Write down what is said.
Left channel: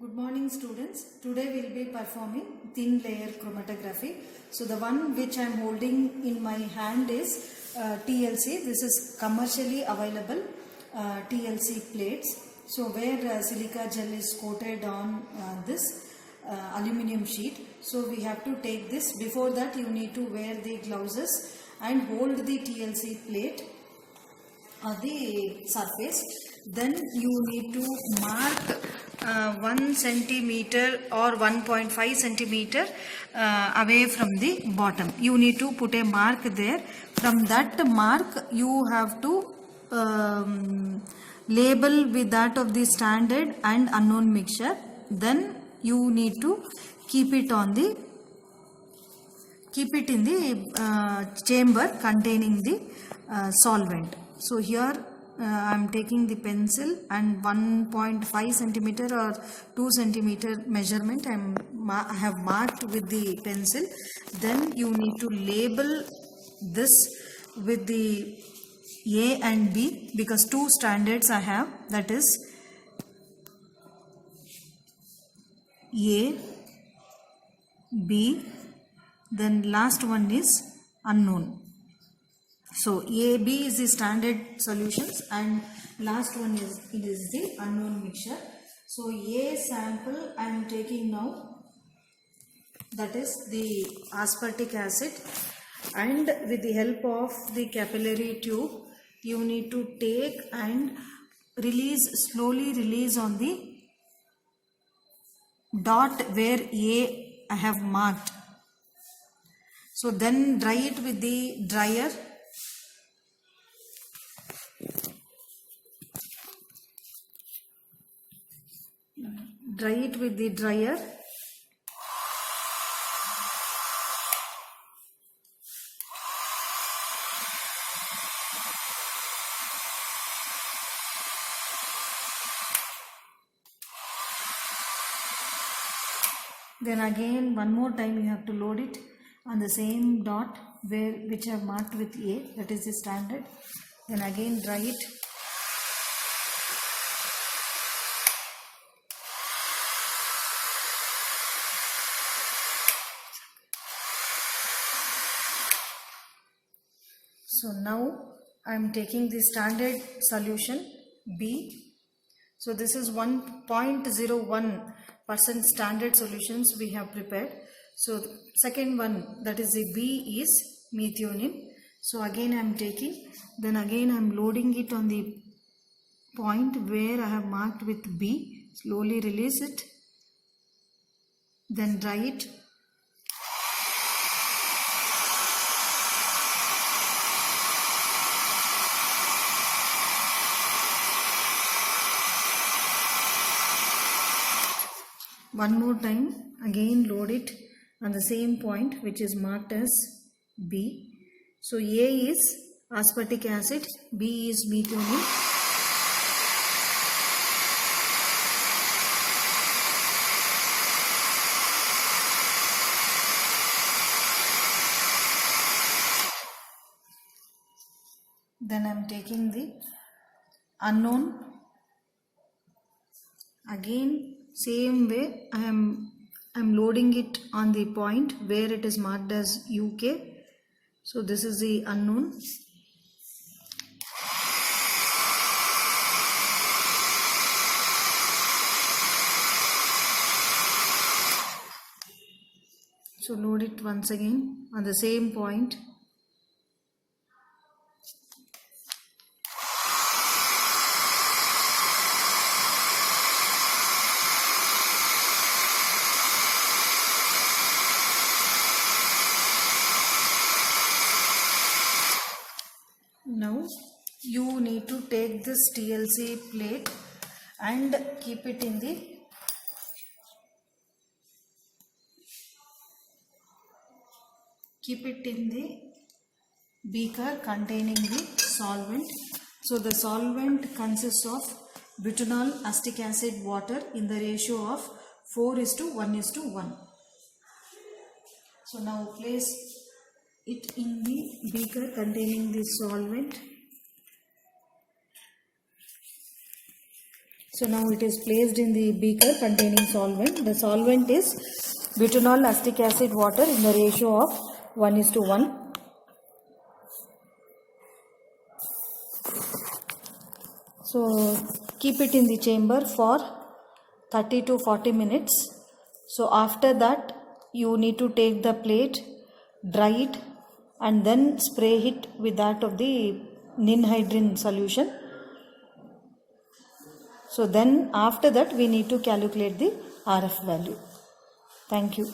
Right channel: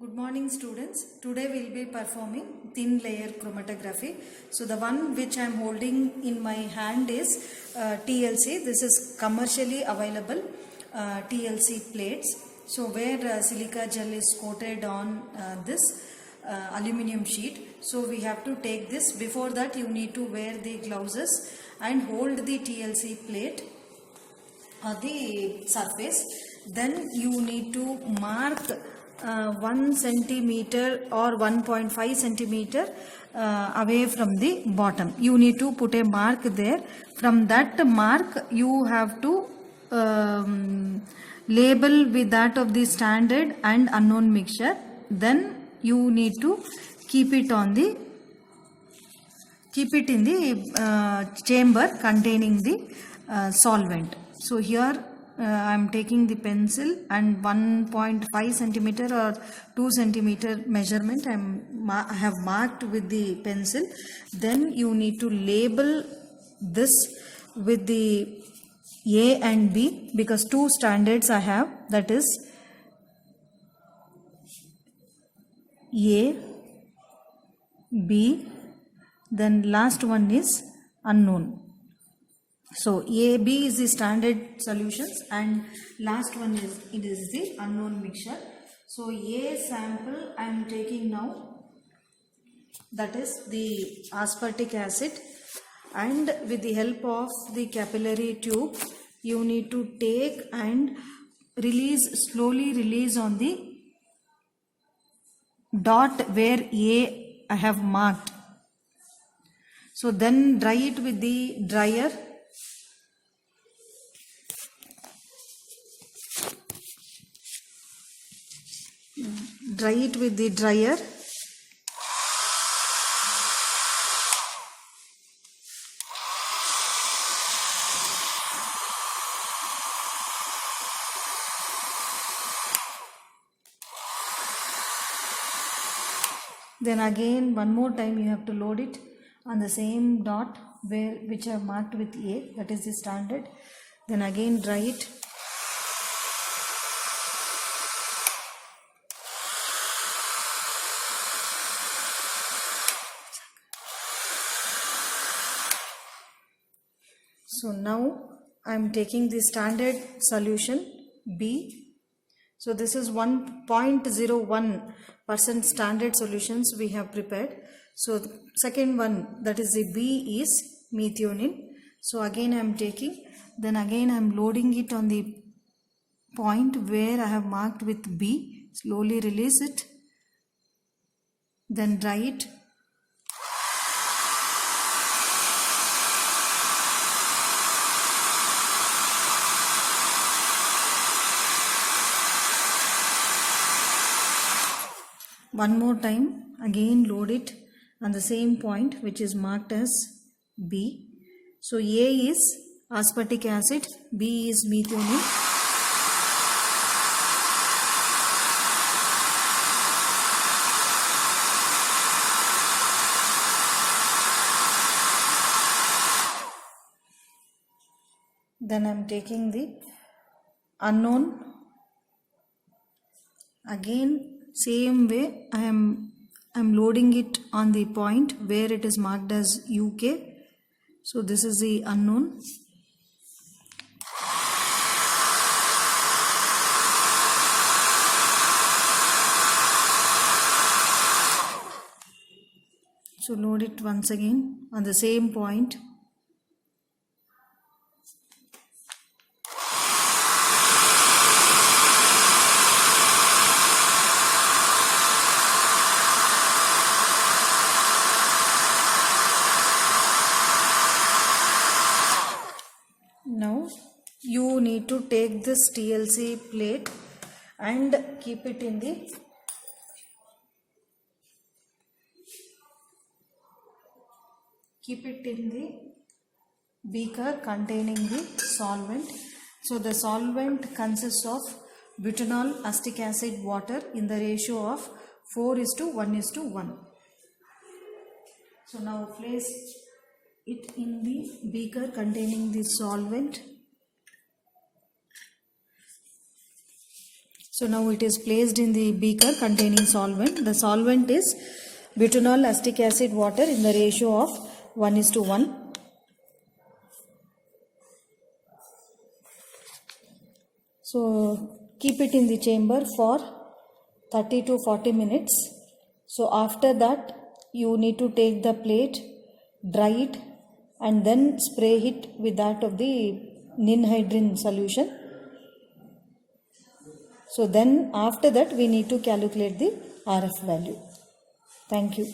Good morning students. Today we will be performing thin layer chromatography. So the one which I am holding in my hand is TLC. This is commercially available TLC plates. So where silica gel is coated on this aluminum sheet. So we have to take this. Before that you need to wear the gloves and hold the TLC plate on the surface. Then you need to mark 1 centimeter or 1.5 centimeter away from the bottom. You need to put a mark there. From that mark you have to label with that of the standard and unknown mixture. Then you need to keep it in the chamber containing the solvent. So here I am taking the pencil and 1.5 centimeter or 2 centimeter measurement I have marked with the pencil. Then you need to label this with the A and B, because two standards I have, that is A, B, then last one is unknown. So AB is the standard solutions and last one is the unknown mixture. So A sample I am taking now, that is the aspartic acid, and with the help of the capillary tube you need to take and slowly release on the dot where A I have marked. So then dry it with the dryer. Dry it with the dryer. Then again one more time you have to load it on the same dot which I have marked with A, that is the standard. Then again dry it. So now I am taking the standard solution B. So this is 1.01% standard solutions we have prepared. So the second one, that is the B, is methionine. So again I am taking, then again I am loading it on the point where I have marked with B. Slowly release it. Then dry it. One more time, again load it on the same point which is marked as B. So A is aspartic acid, B is methionine. Then I am taking the unknown. Again same way I am loading it on the point where it is marked as UK. So this is the unknown. So load it once again on the same point. Now you need to take this TLC plate and keep it in the beaker containing the solvent. So the solvent consists of butanol, acetic acid, water in the ratio of 4:1:1. So now place it in the beaker containing the solvent. So now it is placed in the beaker containing solvent. The solvent is butanol acetic acid water in the ratio of 1:1. So keep it in the chamber for 30 to 40 minutes. So after that you need to take the plate, dry it and then spray it with that of the ninhydrin solution. So then after that we need to calculate the RF value. Thank you.